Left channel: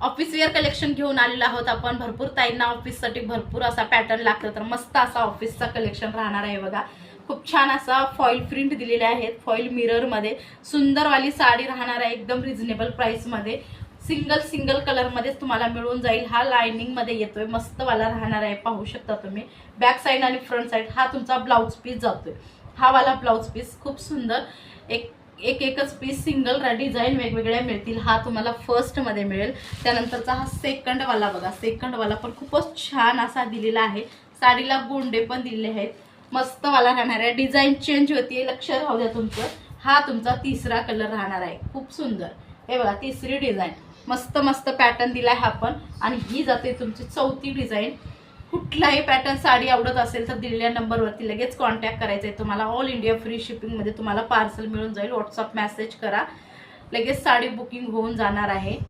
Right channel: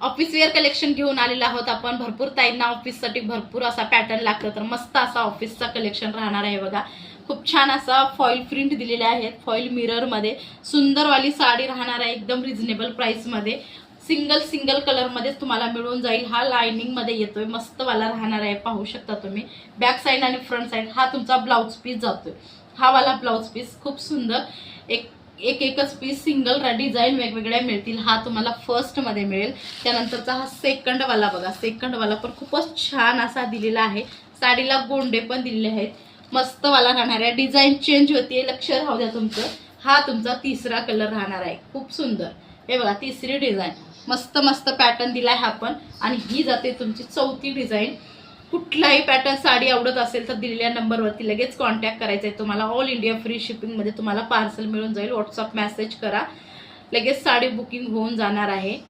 Office wear collection घेऊन आलेलो आहोत आपण। भरपूर ताईंना ऑफिससाठी भरपूर असा पॅटर्न लागतो, तर मस्त असा ऑफिसचा कलेक्शन राहणार आहे बघा। खूप छान असा फॉईल प्रिंट दिलेले आहेत, फॉईल मिररमध्ये सुंदरवाली साडी राहणार आहे, एकदम रिझनेबल प्राइसमध्ये। सिंगल कलर मध्ये तुम्हाला मिळून जाईल। हा लाइनिंग मध्ये येतोय, मस्त वाला राहणार आहे, पाहू शकता तुम्ही। बॅक साइड आणि फ्रंट साइड हा तुमचा ब्लाउज पीस जातोय, हा वाला ब्लाउज पीस खूप सुंदर। एकच पीस सिंगल डिझाईन वेगवेगळ्या मिळतील। हा तुम्हाला फर्स्ट मध्ये मिळेल। त्यानंतरचा हा सेकंड वाला बघा, सेकंड वाला पण खूपच छान असा दिलेला आहे। साडीला गोंडे पण दिलेले आहेत, मस्त वाला राहणार आहे। डिझाईन चेंज होते, लक्ष राहू द्या तुमचं। हा तुमचा तिसरा कलर राहणार आहे, खूप सुंदर। हे बघा तिसरी डिझाईन, मस्त पॅटर्न दिलाय हा पण। आणि ही जाते तुमची चौथी डिझाईन। कुठलाही पॅटर्न साडी आवडत असेल तर दिलेल्या नंबरवरती लगेच कॉन्टॅक्ट करायचा आहे तुम्हाला। ऑल इंडिया फ्री शिपिंगमध्ये तुम्हाला पार्सल मिळून जाईल। व्हॉट्सअप मेसेज करा, लगेच साडी बुकिंग होऊन जाणार आहे।